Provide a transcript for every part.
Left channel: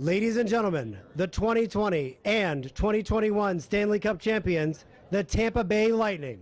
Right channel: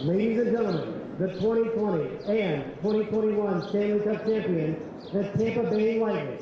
Ladies and gentlemen, the 2020 and 2021 Stanley Cup champions, the Tampa Bay Lightning.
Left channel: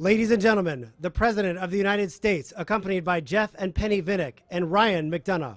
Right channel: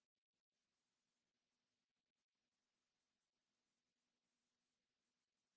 Ladies and gentlemen, the President of the United States, accompanied by Jeff and Penny Vinnick and Ryan McDonough.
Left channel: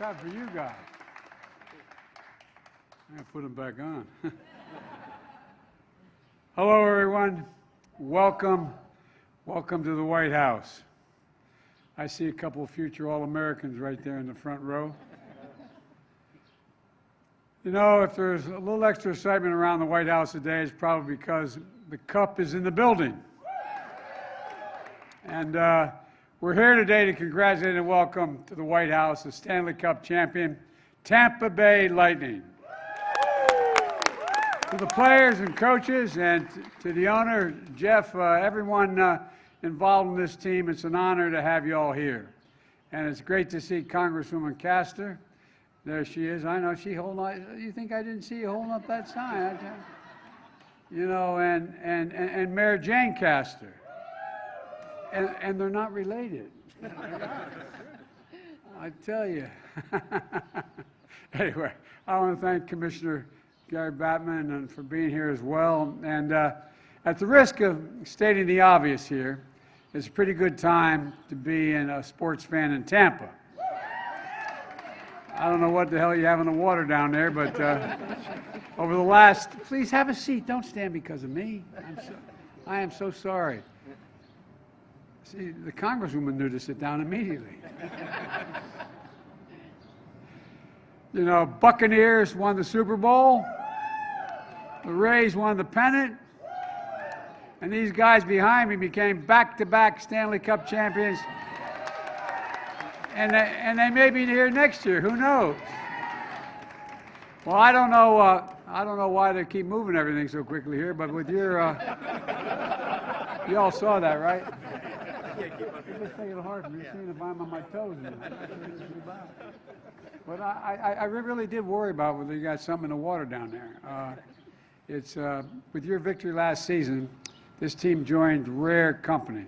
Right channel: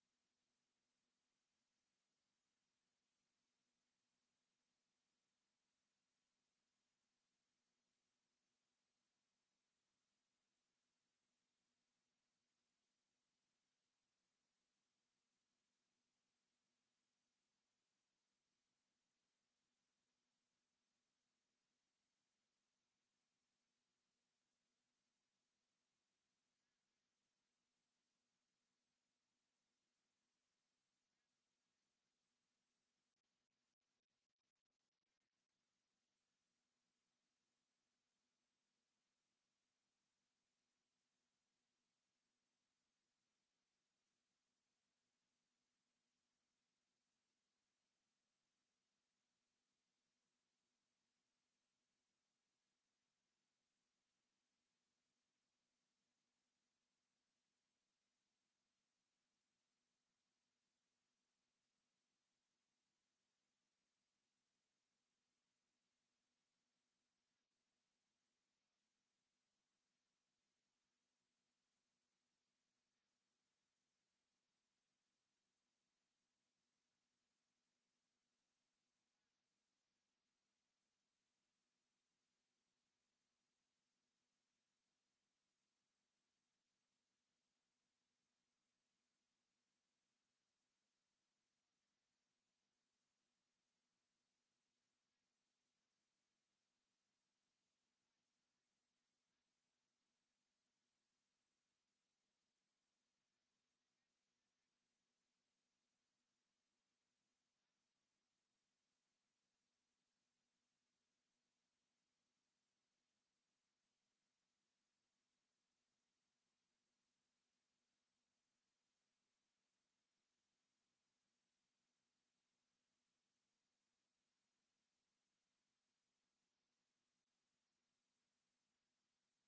Time for you guys. I'm going to put them back on. Hello, everyone. Welcome. Welcome to the White House. I see a couple of future All-Americans right there in the front row. You know, if there's a little extra excitement around the White House today, it's probably because the cup is in the building. And we're here today to congratulate and welcome to the White House the Stanley Cup champion, Tampa Bay Lightning. To the players and coaches and to the owner, Jeff, everyone involved in this team, it's an honor to have you all here. And it's great to see Congresswoman Castor. There she is. I know she holding up. You think I didn't see you holding up that sign? You know, and Mayor Jane Castor. And they're not related. I tell you. Anyway, I want to thank Commissioner Gary Batman for being here as well. And at the risk of stating the obvious here, it's a pretty good time to be a sports fan in Tampa. I don't know what the hell you have in the water down there, but over the last, please have a seat. Don't stand because of me. I am so sorry. See, the Congresswoman knew to sit down immediately. You know, Buccaneers won the Super Bowl. The Rays won the pennant. And these guys behind me became back-to-back Stanley Cup champions. And they may be here next year. Who knows? Well, I don't know why they keep moving everything so quickly here, but with your, you all saw that, right? just making it hard for me seeing if I'm on my toes. But I really did worry about whether you got something in the water down there. It's with your victory last season, this team joined rare company.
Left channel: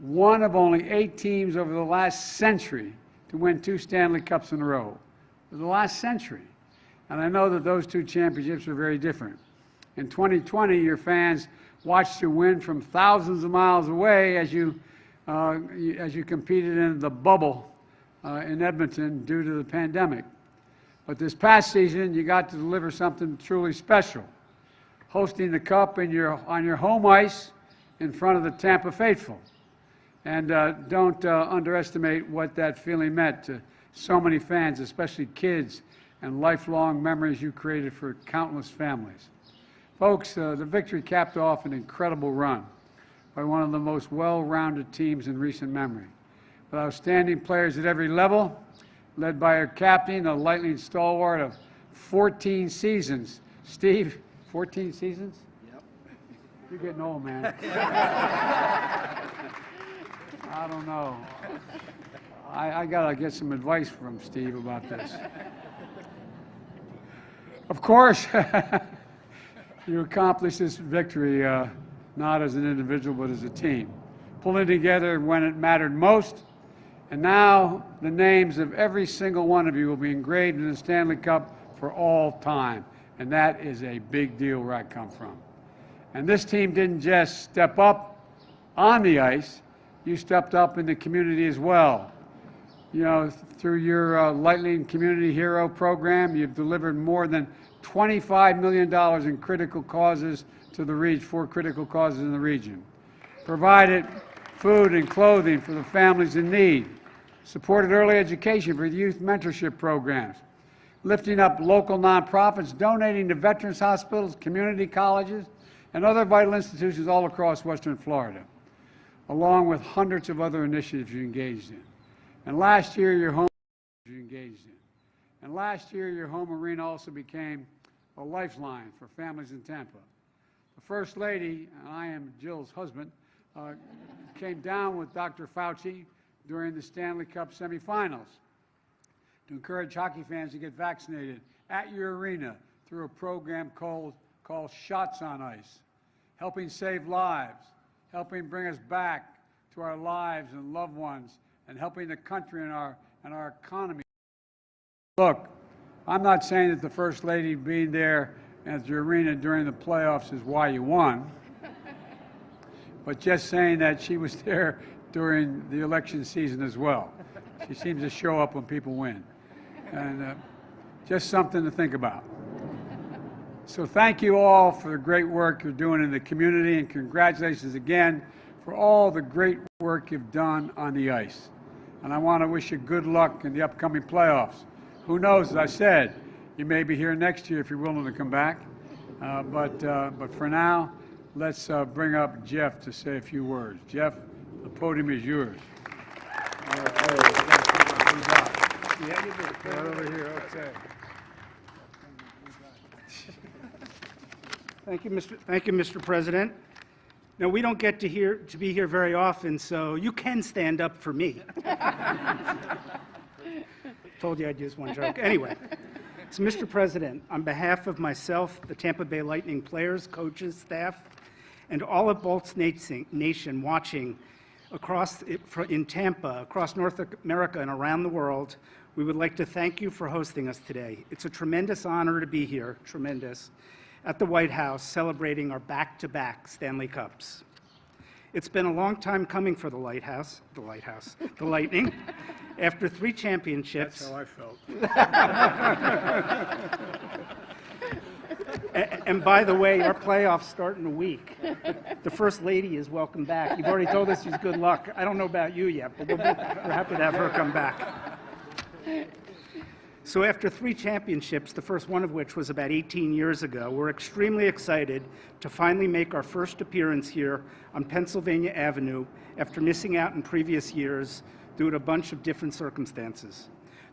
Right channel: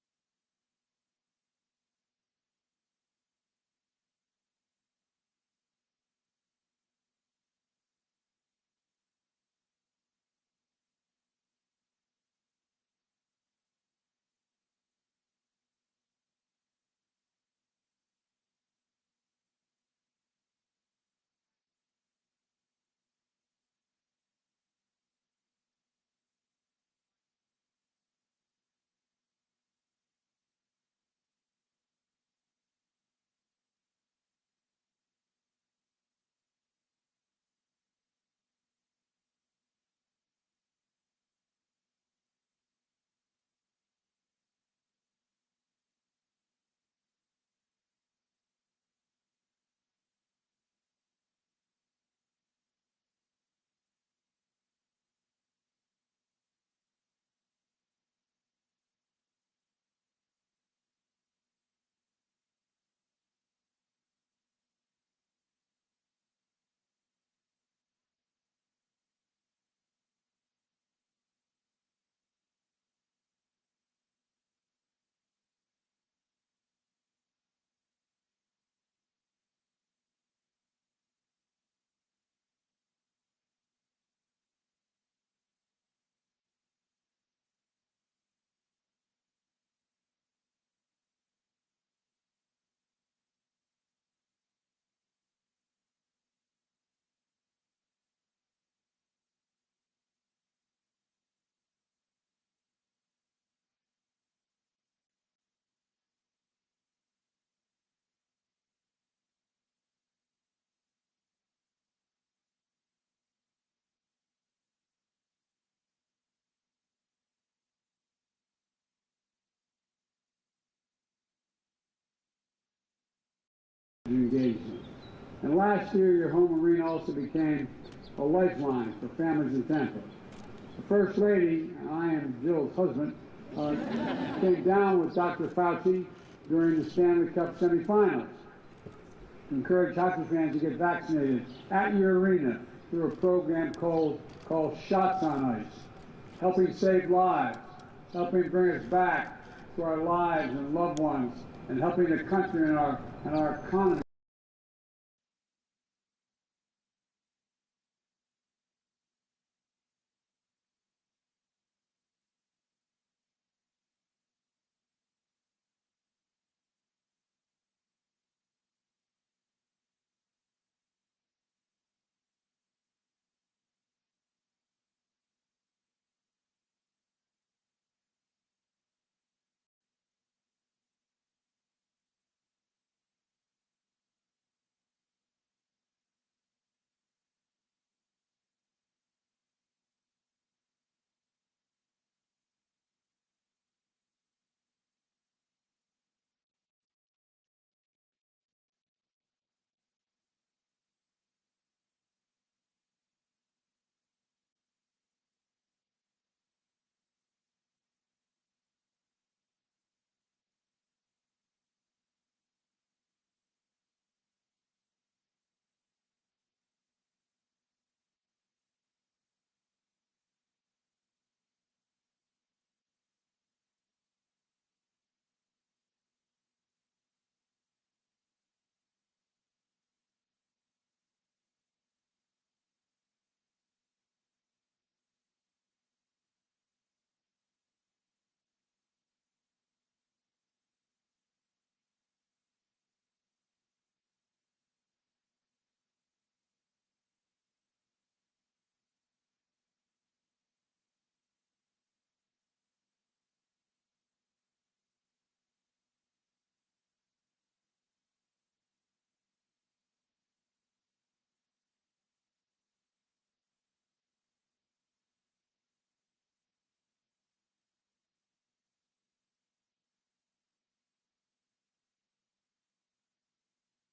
One of only 8 teams over the last century to win 2 Stanley Cups in a row. For the last century. And I know that those 2 championships are very different. In 2020, your fans watched you win from thousands of miles away as you competed in the bubble in Edmonton due to the pandemic. But this past season, you got to deliver something truly special, hosting the Cup on your home ice in front of the Tampa faithful. And don't underestimate what that feeling meant to so many fans, especially kids, and lifelong memories you created for countless families. Folks, the victory capped off an incredible run by one of the most well-rounded teams in recent memory, with outstanding players at every level, led by our captain, a Lightning stalwart of 14 seasons. Steve, 14 seasons? Yep. You're getting old, man. I don't know. I got to get some advice from Steve about this. Of course, you accomplished this victory not as an individual but as a team, pulling together when it mattered most. And now the names of every single one of you will be engraved in the Stanley Cup for all time. And that is a big deal where I come from. And this team didn't just step up on the ice, you stepped up in the community as well. You know, through your Lightning Community Hero program, you've delivered more than $25 million in critical causes to the region, 4 critical causes in the region. Provided food and clothing for the families in need. Supported early education for youth mentorship programs. Lifting up local nonprofits, donating to veterans hospitals, community colleges, and other vital institutions all across Western Florida, along with hundreds of other initiatives you engaged in. And last year, your home arena also became a lifeline for families in Tampa. The First Lady, and I am Jill's husband, came down with Dr. Fauci during the Stanley Cup semifinals to encourage hockey fans to get vaccinated at your arena through a program called Shots on Ice, helping save lives, helping bring us back to our lives and loved ones, and helping the country and our economy. Look, I'm not saying that the First Lady being there at your arena during the playoffs is why you won, but just saying that she was there during the election season as well. She seems to show up when people win. And just something to think about. So thank you all for the great work you're doing in the community, and congratulations again for all the great work you've done on the ice. And I want to wish you good luck in the upcoming playoffs. Who knows, as I said, you may be here next year if you're willing to come back. But for now, let's bring up Jeff to say a few words. Jeff, the podium is yours. Yeah, you did. Right over here, okay. Thank you, Mr. President. Now, we don't get to be here very often, so you can stand up for me. Told you I'd use one joke. Anyway, so Mr. President, on behalf of myself, the Tampa Bay Lightning players, coaches, staff, and all of Bolts Nation watching in Tampa, across North America, and around the world, we would like to thank you for hosting us today. It's a tremendous honor to be here, at the White House celebrating our back-to-back Stanley Cups. It's been a long time coming for the Lightning. After 3 championships. That's how I felt. And by the way, our playoffs start in a week. The First Lady is welcome back. You've already told us she's good luck. I don't know about you yet, but we're happy to have her come back. So after 3 championships, the first one of which was about 18 years ago, we're extremely excited to finally make our first appearance here on Pennsylvania Avenue after missing out in previous years due to a bunch of different circumstances.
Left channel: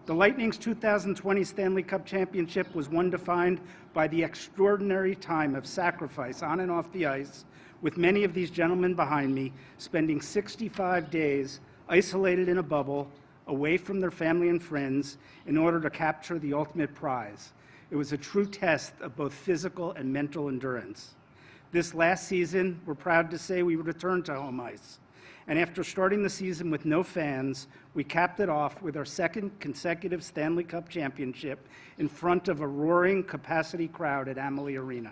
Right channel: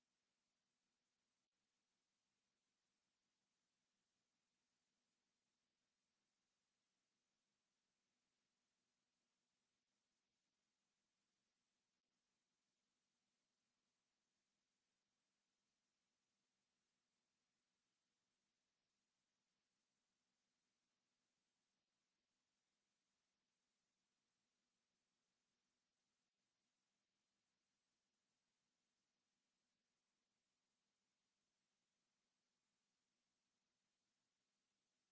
The Lightning's 2020 Stanley Cup Championship was one defined by the extraordinary time of sacrifice on and off the ice with many of these gentlemen behind me spending 65 days isolated in a bubble, away from their family and friends, in order to capture the ultimate prize. It was a true test of both physical and mental endurance. This last season, we're proud to say we returned to home ice. And after starting the season with no fans, we capped it off with our second consecutive Stanley Cup championship in front of a roaring capacity crowd at Amalie Arena.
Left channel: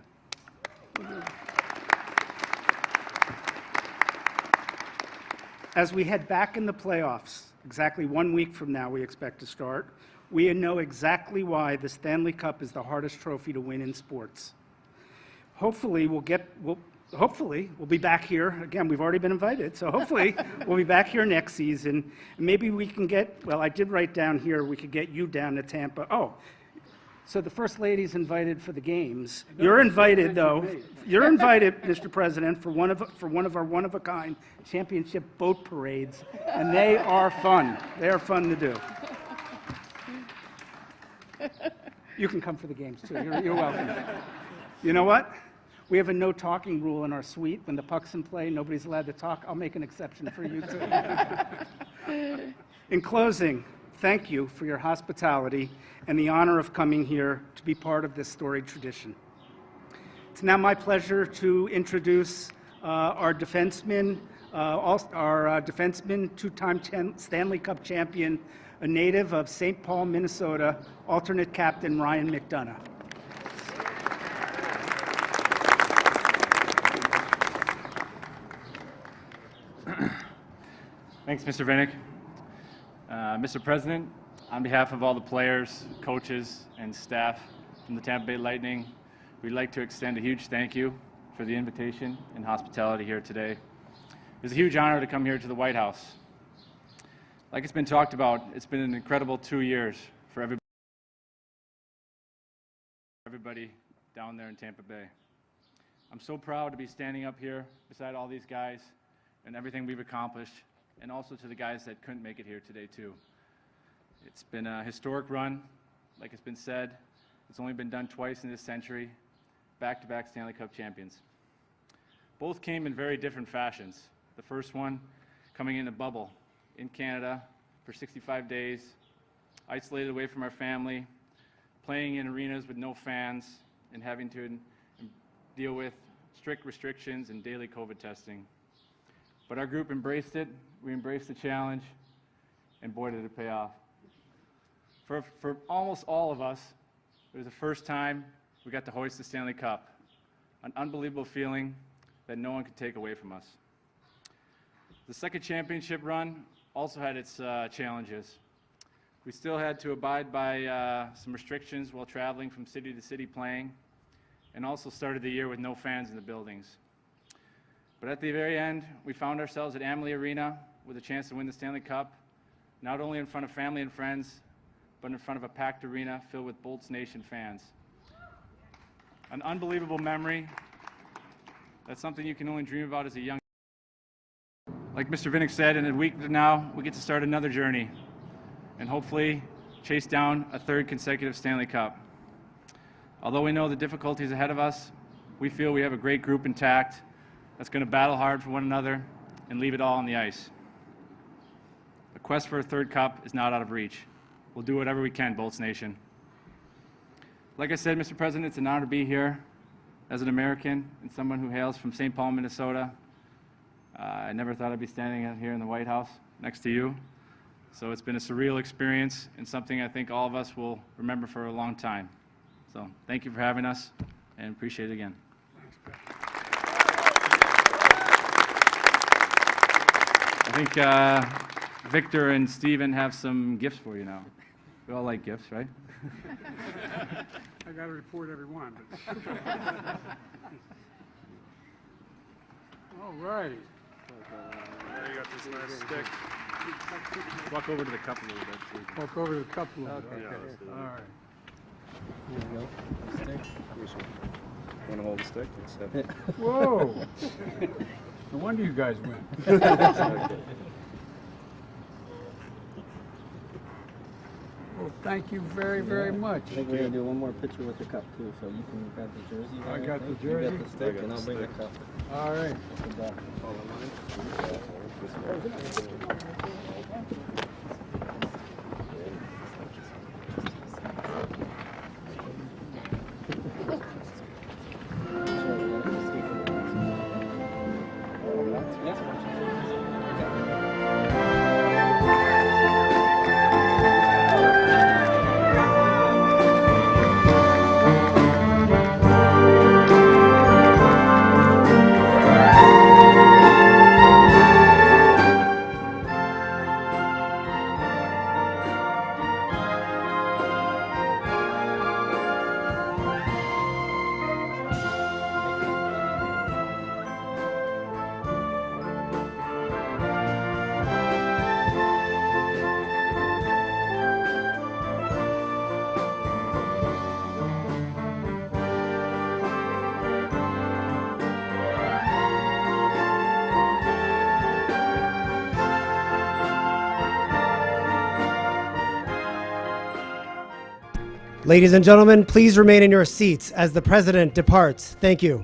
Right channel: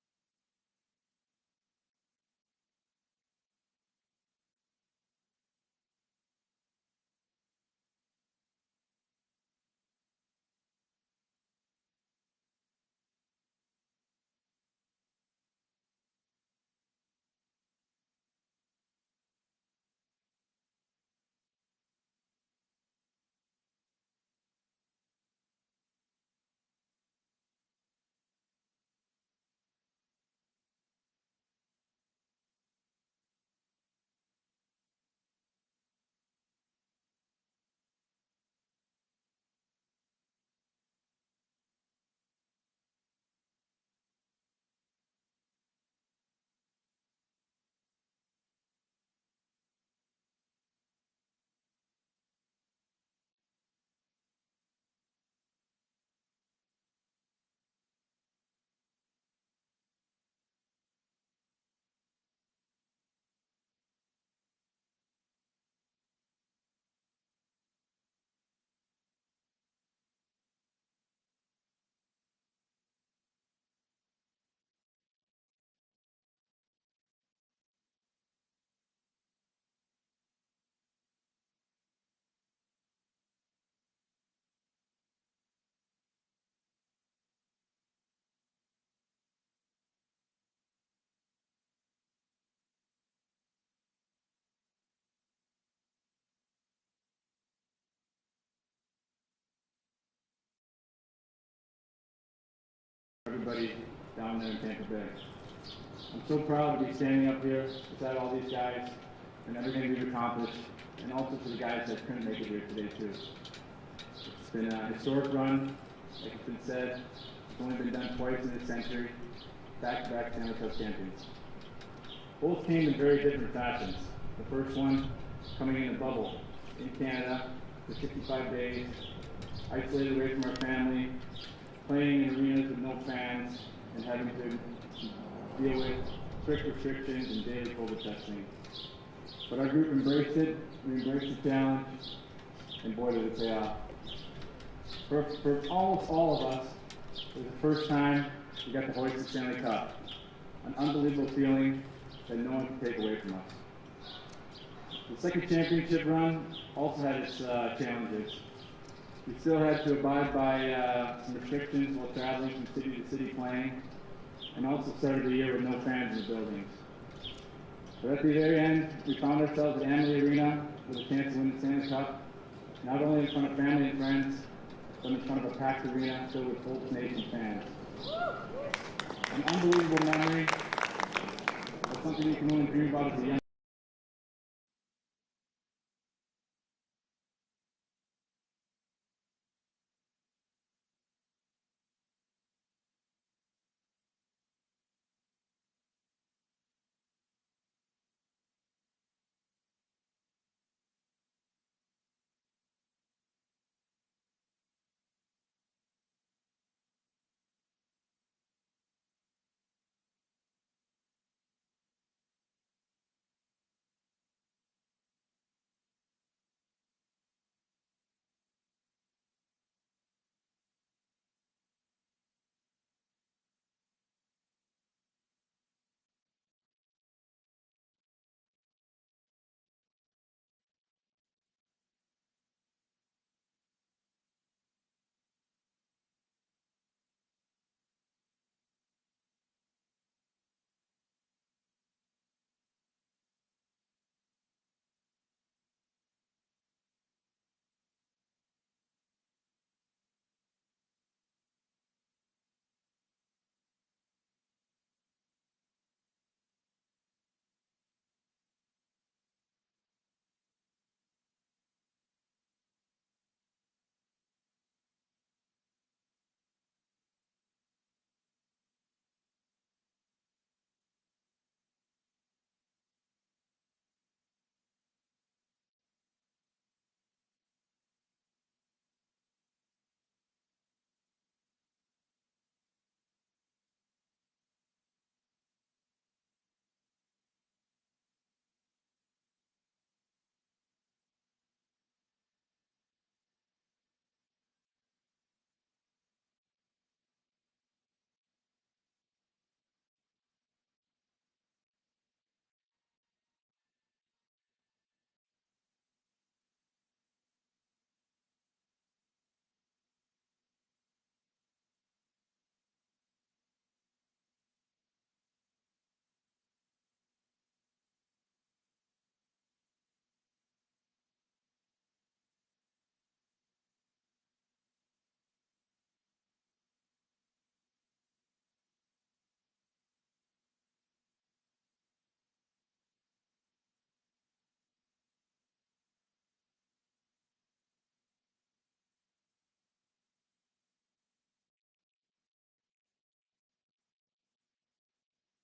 As we head back in the playoffs, exactly 1 week from now we expect to start, we know exactly why the Stanley Cup is the hardest trophy to win in sports. Hopefully we'll be back here. Again, we've already been invited, so hopefully we'll be back here next season. And maybe we can get, well, I did write down here, we could get you down to Tampa. Oh, so the First Lady's invited for the games. You're invited, though. You're invited, Mr. President, for one of our one-of-a-kind championship boat parades, and they are fun. They are fun to do. You can come for the games, too. You're welcome. You know what? We have a no talking rule in our suite. When the puck's in play, nobody's allowed to talk. I'll make an exception for you, too. In closing, thank you for your hospitality and the honor of coming here to be part of this storied tradition. It's now my pleasure to introduce our defenseman, two-time Stanley Cup champion, a native of St. Paul, Minnesota, alternate captain Ryan McDonough. Thanks, Mr. Vinnick. Mr. President, on behalf of all the players, coaches, and staff from the Tampa Bay Lightning, we'd like to extend a huge thank you for the invitation and hospitality here today. It's a huge honor to come here to the White House. Like it's been talked about, it's been an incredible 2 years for everybody down there in Tampa Bay. I'm so proud to be standing up here beside all these guys and everything we've accomplished, and also to the guys that couldn't make it here today too. It's been a historic run, like it's been said. It's only been done twice in this century, back-to-back Stanley Cup champions. Both came in very different fashions. The first one coming in a bubble in Canada for 65 days, isolated away from our family, playing in arenas with no fans, and having to deal with strict restrictions and daily COVID testing. But our group embraced it, we embraced the challenge, and boy did it pay off. For almost all of us, it was the first time we got to hoist the Stanley Cup. An unbelievable feeling that no one can take away from us. The second championship run also had its challenges. We still had to abide by some restrictions while traveling from city to city playing, and also started the year with no fans in the buildings. But at the very end, we found ourselves at Amalie Arena with a chance to win the Stanley Cup, not only in front of family and friends, but in front of a packed arena filled with Bolts Nation fans. An unbelievable memory. That's something you can only dream about as a young. Like Mr. Vinnick said, in a week from now, we get to start another journey and hopefully chase down a third consecutive Stanley Cup. Although we know the difficulties ahead of us, we feel we have a great group intact that's going to battle hard for one another and leave it all on the ice. The quest for a third cup is not out of reach. We'll do whatever we can, Bolts Nation. Like I said, Mr. President, it's an honor to be here as an American and someone who hails from St. Paul, Minnesota. I never thought I'd be standing out here in the White House next to you. So it's been a surreal experience and something I think all of us will remember for a long time. So thank you for having us and appreciate it again. I think Victor and Steven have some gifts for you now. We all like gifts, right? I got to report every one. All right. You got this nice stick. Walk over to the cup a little bit. So you can- Walk over to the cup a little bit. Yeah, let's do that. All right. Want to hold the stick? Let's have it. Whoa! No wonder you guys win. Okay. Oh, Well, thank you very, very much. I think we're gonna do one more picture with the cup too, so you can grab the jersey. I there, got the think. jersey. You got the stick, and I'll bring the cup. All right. Good job. Ladies and gentlemen, please remain in your seats as the president departs. Thank you.